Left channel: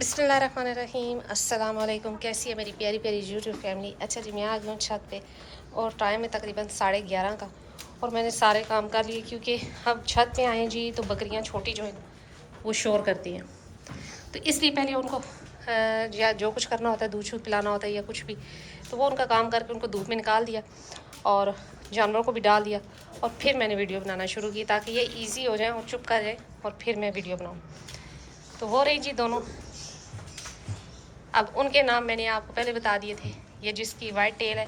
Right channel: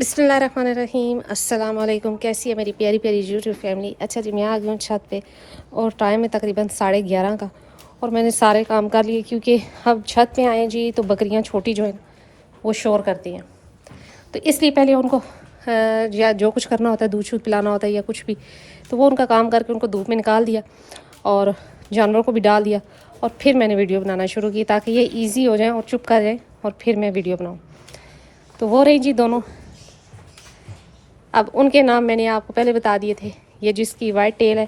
बिस्मिल्लाहिर्रहमानिर्रहीम। अस्सलाम वालेकुम। कैसी है मेरी प्यारी प्यारी यूट्यूब फैमिली। अच्छा जी, मैं आ गई हूँ छत पे और टाइम है तकरीबन 11:30 का और मैंने सारे काम कर लिए क्योंकि अब छत पे आए जी तो बकरियाँ छोटी जो है वो शोर करती हैं, तो इसलिए पहले उनको या जो कुछ करना होता है, दूध शूध पिलाना होता है या कुछ भी, तो वो उनका काम करके उनको धूप में निकाल दिया और जानवरों को भी डाल दिया और फिर मैंने वीडियो बनाना शुरू की ताकि ये ईजी हो जाए और चुप कर जाए और फिर मैं वीडियो बनाऊँ। तो वो रही जी दोनों। अब उनके नाम मैंने आपको पहले बता दिए थे। ये जिसकी वाइट टेल है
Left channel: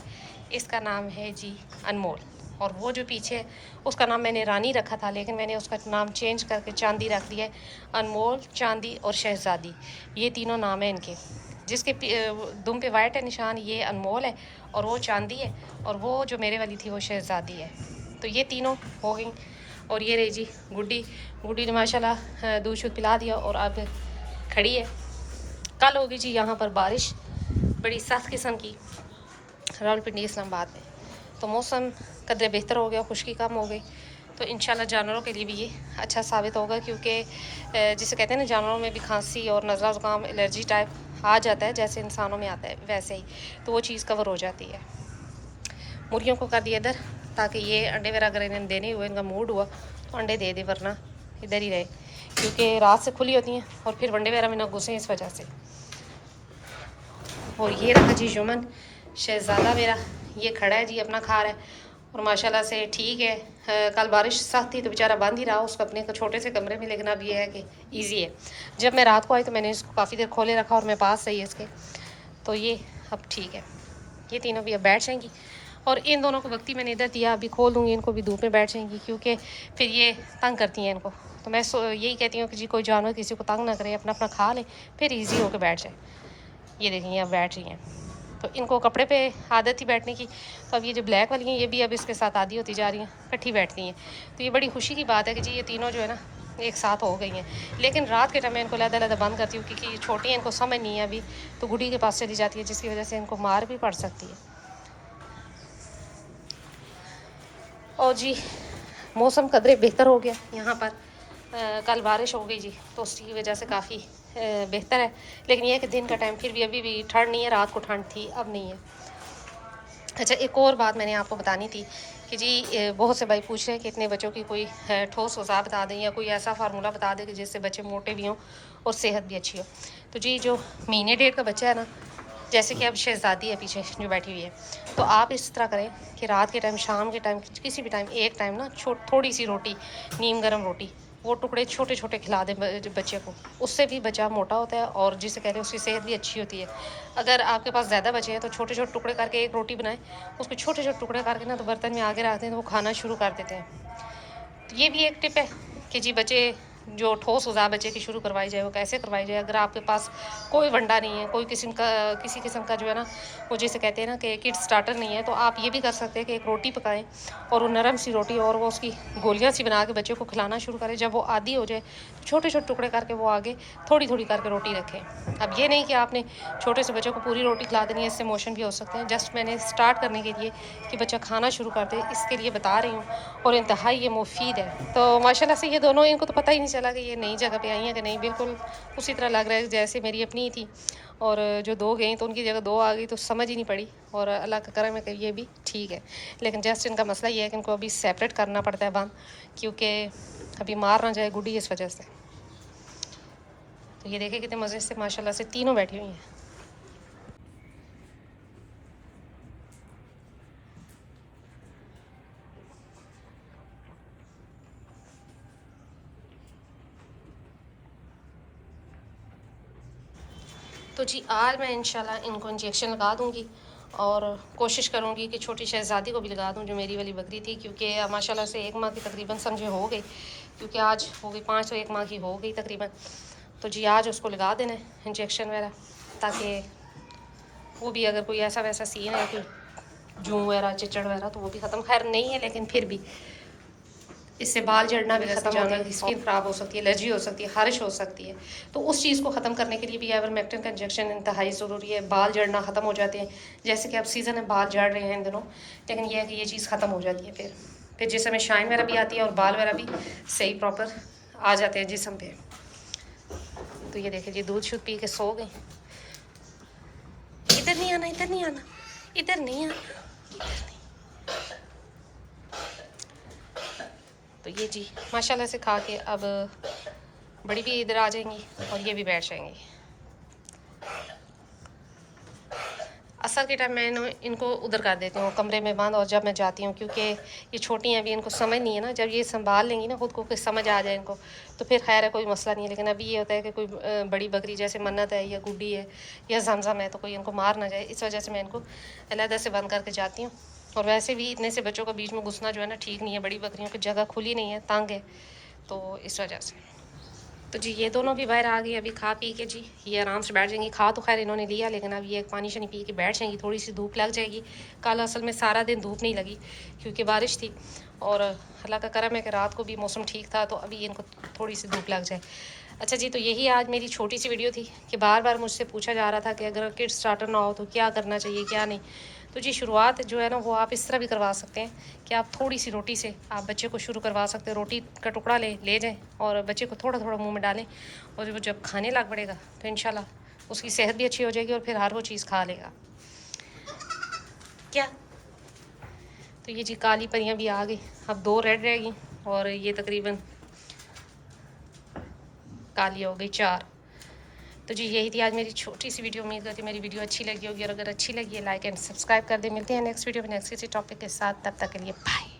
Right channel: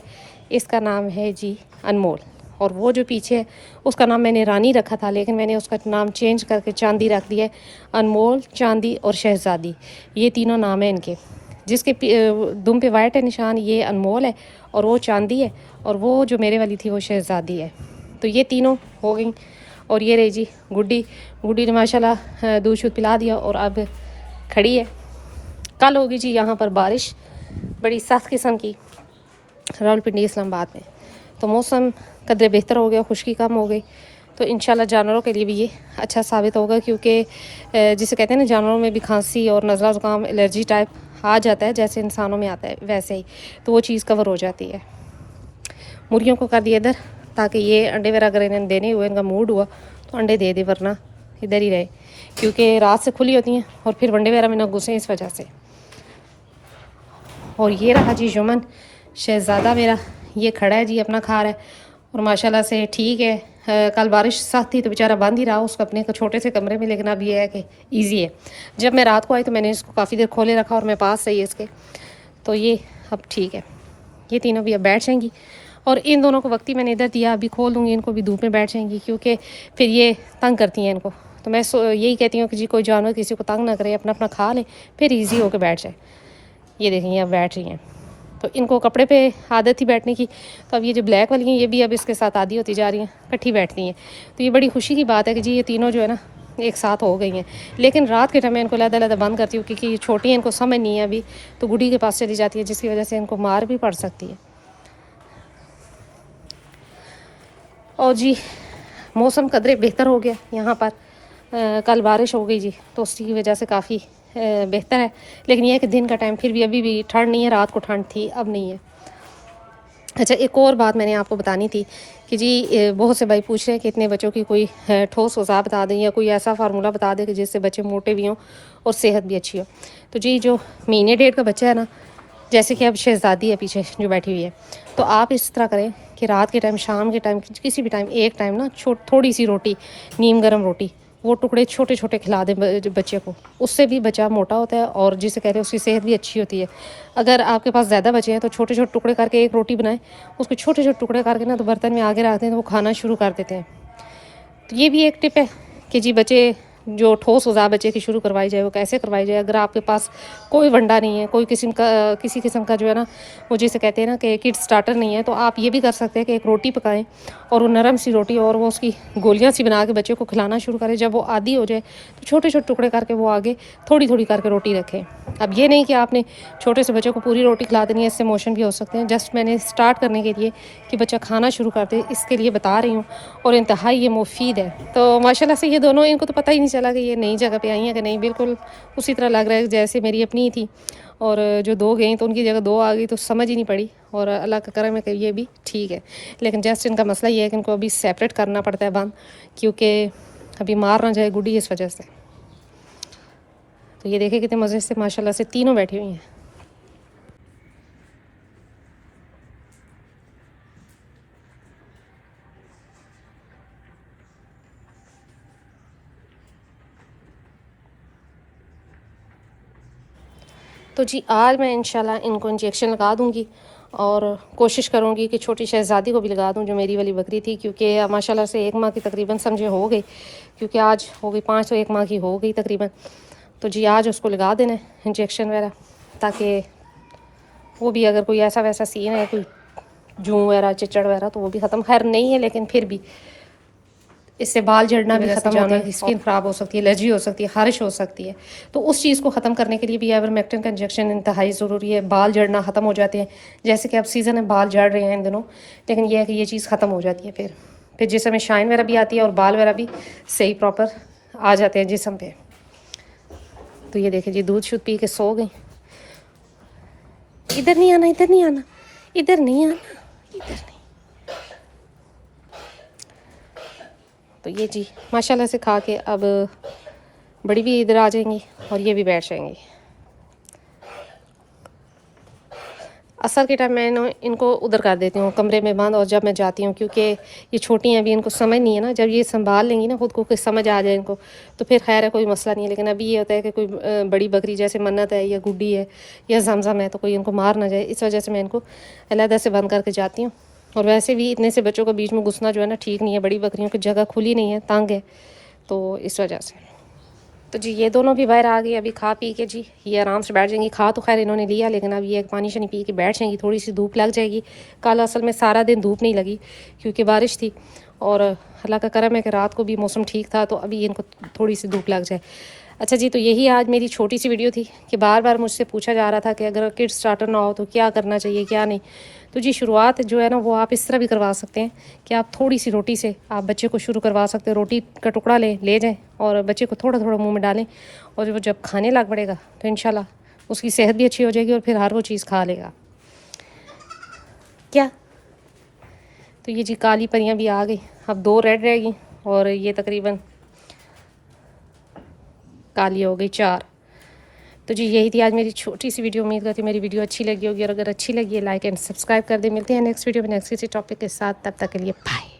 इसका नाम है जी अनमोल, और वो जो पीछे है उसका नाम मैंने रानी रखा था, लेकिन मैंने उसका नाम चेंज करके चांदी रख दिया है। अनमोल, चांदी और शहज़ादी, ये तीनों नाम हैं इनके। जिसके दुम पे वाइट है निशान, ये अनमोल है और वो चांदी है, और वो जो मेरे वाली थी वो शहज़ादी है। तो ये तीनों हो गई। और ये रही जी गुड्डी। गुड्डी ने माशाल्लाह दूध शूध पिला दिया और अब खड़ी है। कल होगी जी यहाँ पर बारिश बड़ी सख्त किस्म की रावलपिंडी इस्लामाबाद में, तो मौसम कदरे बेहतर हो गया, खुश्की कम हो गई, तो इंशाल्लाह जानवरों के लिए भी ये अच्छा साबित होगा क्योंकि जिसे कहते हैं ना, जानवरों में भी खांसी और नज़ला ज़ुकाम एलर्जी टाइप आ जाता है जैसे इंसानों में आता है वैसे ही, तो वो चीज़ कवर हो जाती है। मुर्गियों को कर दिया इधर ताकि ये अंडे वगैरह अगर इन्हें देने हुए, इनका मूड हुआ तो अंडे दे दे, वरना इधर ही रहे क्योंकि रात से खुली होती हैं और फिर वंडे वगैरह में ना घुसे इस वजह से। और ये रहा जी जुमन शहज़ादा मेरा, ये खड़ा है जी, अपना खा रहा है और माशाल्लाह से ठीक है। कल बारिश सख्त थी तो बेचारा बंद ही रहा उसको अपने छोटे से कमरे में, लेकिन अब ये है कि ईजी है। जब मैं रात को आई तो मैंने इसको काफ़ी देर खोले रखा और मैं पास सही है इसके, तो ये अब ठीक है। ये तीनों भी अब बैठ जाएंगी और इन दोनों को वक्त ही मैंने इधर दिया, अभी खोल दूँगी इनको भी, धूप में बैठ जाएंगी क्योंकि फिर ये तंग करती हैं इनको। तो मैं यही कहती हूँ कि जी कोई जानवर किसी को तंग ना करे, अपना अपना खा ले फिर ईजी होकर बैठ जाए। ये देखेंगे अब बैठ रही हैं, तो इनको कपड़े पे आदत थी बैठने की, तो अब ये जो ब्लैक वाली हैं ये भी अब इसके साथ आदी होती जा रही हैं, इकट्ठी बैठती हैं। तो ये बड़ी खुशी की बात है कि जी ये तीनों जो है ना एक साथ हो गई हैं। लेकिन रात के टाइम मैं इनको लहदा बंद करती हूँ क्योंकि ये छोटी हैं, इनको समझ नहीं है अभी, तो गुड़ी के पास चली जाती है जिसकी वजह से इनको मार भी पड़ सकती है। और जी मौसम कदरे बेहतर हो गया यहाँ पर। कल बारिश हो गई जी, तो उसकी वजह से काफ़ी बेहतर है, लेकिन यह है कि दिन का टाइम फिर भी अभी भी ठंड नहीं है, रात को ठंड थी अब नहीं है। अच्छा, एक और बात मैंने आपको बतानी थी कि जी बहुत से भाई पूछ रहे हैं कि इतने बच्चों की कोई ठोस औज़ा बता दें या कोई ऐसा फार्मूला बता दें कि जिससे बच्चे मोटे भी हों और सेहत भी अच्छी हो। तो जी जो महीने डेढ़ का बच्चा है ना, जैसे कि अब शहज़ादी है पीछे जो बैठी हुई है, तो आप इस तरह करें कि रात के टाइम, शाम के टाइम, किसी भी टाइम एक टाइम ना थोड़ी सी रोटी, नीम गर्म रोटी, वो टुकड़े छोटे छोटे खिला दें बच्चे को। उससे भी बच्चा मोटा होता है और जिसे कहते हैं उसकी सेहत भी अच्छी होती है। अगर आपके पास ज़्यादा बचे हैं तो छोटे छोटे टुकड़े करके एक रोटी बनाएं, उसके छोटे छोटे टुकड़े करके ना तो बर्तन में आगे रखते हैं तो वो खाना शुरू कर देते हैं। तो ये भी एक टिप है कि जी बच्चे जो ठोस ग़िज़ा बच्चे की शुरू करवाई जाए वो कैसे करवाई जाए। अगर आपके पास कोई वंडा नहीं है, कोई किसी किस्म का जो है ना वो जिसे कहते हैं ना कि किड स्टार्टर नहीं है, तो आप ये भी कर सकते हैं कि एक रोटी पकाएं और वो नरम सी रोटी और वो उसकी गोलियां सी बना के बच्चे को खिलाना शुरू करें। जब वो आदी हो जाए तो छोटे छोटे टुकड़े करके वो आगे थोड़ी थोड़ी करके रोटी रखें। अब ये नहीं कि आपने छोटे से बच्चे को पूरी रोटी खिला देनी है, इससे मोशन भी हो सकते हैं। जस्ट मैंने स्टार्ट करने के लिए कि बच्चा खाना शुरू कर दे इसके लिए बता रही हूँ, और इंतहाई ये मुफीद है। तो माशाल्लाह से ये दोनों, इनको तो पता ही नहीं चला कि ये नई जगह पे आई हैं कि नहीं, बिल्कुल उसी तरह लग रहा है जैसे मेरी अपनी ही थी। और जो दो गई तो उनकी जगह दो आ गई तो समझ ही नहीं पड़ी, और अल्लाह का करम है कि ये भी ठीक है। लेकिन जस्ट इनका मसला ये है कि इनको अभी सेपरेट करना पड़ता है बंद, क्योंकि अभी मार ना जाए गुड्डी इस वजह से। तो ये देखे कितने मज़े से माशाल्लाह से तीनों बैठी हुई हैं। तो जी आज मैं इंशाल्लाह इनको इंजेक्शन लगा दूँगी और कोशिश करूँगी कि छोटी शहज़ादी को भी लगा दूँ जो मेरी वाली बकरी थी, क्योंकि माशाल्लाह से 1 माह की तकरीबन समझे हो गई, क्योंकि आज हो गई 5 तो 1 माह की हो गई तकरीबन। तो जी आज उसको लगा देना इंजेक्शन वगैरह, ताकि वो भी अगर कोई ऐसा वैसा सीन है, कोई जूं वगैरह चिचड़ वगैरह, तो वो भी ख़त्म। खैर नहीं है, लेकिन फिर भी इससे बाल झड़ना भी ख़त्म होता है, स्किन ख़राब हो सकती है, एलर्जी हो सकती है, ख़ारिश हो सकती है। तो उस चीज़ को ख़त्म करने के लिए भी आइवरमेक्टिन का इंजेक्शन इंतहाई ज़रूरी है। बाल झड़ना ख़त्म हो जाते हैं, जैसे कि अब सीज़न है, बाल झड़ रहे हैं इन दिनों, लेकिन यह है कि ये चीज़ ख़त्म हो जाती है। फिर जिसम में शाइन वगैरह भी आती है और बाल वगैरह भी सही प्रॉपर आ जाते हैं जिसम पे। तो ये देखें जी, दूध शुद्ध पी के सो गए। इधर नहीं आना, इधर नहीं आना, इधर नहीं आना, इधर नहीं। तो ये जी माशाल्लाह से खा के अब बड़ी भी इधर आ जाएंगी और ये भी बैठ जाएंगी। असर के टाइम मैं इनको उधर कर देती हूँ कमरे में बंद, और जब मैं जाती हूँ, क्योंकि ये छोटी हैं अभी, इनको समझ नहीं है ना, जब ये संभाल लेंगी ना खुद को, कुछ समझ आ जाए इनको, तो फिर खैर है, कोई मसला नहीं है। लेकिन अभी ये होता है कि कोई बड़ी बकरी जैसे मन्नत है या गुड्डी है या जमजम है, तो कोई इनको मार ना जाए, इस वजह से मैं इनको अलहदा से बंद करके जाती हूँ। और वैसे भी इतने से बच्चों के बीच में घुसना जो है ना ठीक नहीं है, बड़ी बकरियों की जगह खुली नहीं है, तंग है, तो इस वजह से। तो जी ये दोनों भी बाहर आ गई अभी खा पी के जी, ये आराम से बैठ जाएंगी। खा तो खैर इन्होंने लिया, लेकिन अब ये पानी शानी पी के बैठ जाएंगी। थोड़ी सी धूप लग जाएगी। कल असल में सारा दिन धूप नहीं लगी क्योंकि बारिश थी, और अल्लाह का करम है कि रात को भी मौसम ठीक था, तो अभी इनको थोड़ी सी धूप लग जाए। अच्छा जी, तो यही आज मेरी छोटी सी वीडियो थी कि बार बार मुझसे पूछा जा रहा था कि अगर किड्स स्टार्टर ना हो तो क्या करना चाहिए क्या नहीं। तो जी शुरुआत जो है ना वो आप इस तरह भी करवा सकते हैं कि आप थोड़ी सी रोटी से आप बच्चे को शुरू करवा सकते हैं। रोटी का टुकड़ा ले जाएं और बच्चे को थोड़ा थोड़ा मुंह में डालें, और वो जब खाने लग पड़ेगा तो इंशाल्लाह उसकी सेहत भी अच्छी हो जाएगी और फिर हर वो चीज़ खा लेगा। क्या तो ये जी काली परियां भी आ गई, अब 2 रेड रहेगी और ये तकरीबन काली हो गई 4। तो जी यही थी आज मेरी छोटी सी वीडियो। उम्मीद करती हूँ मेरी वीडियो अच्छी लगी होगी, और अगर अच्छी लगी है लाइक एंड सब्सक्राइब कर दें। मिलते हैं नेक्स्ट वीडियो में नेक्स्ट किसी टॉपिक के साथ, तब तक के लिए बाय।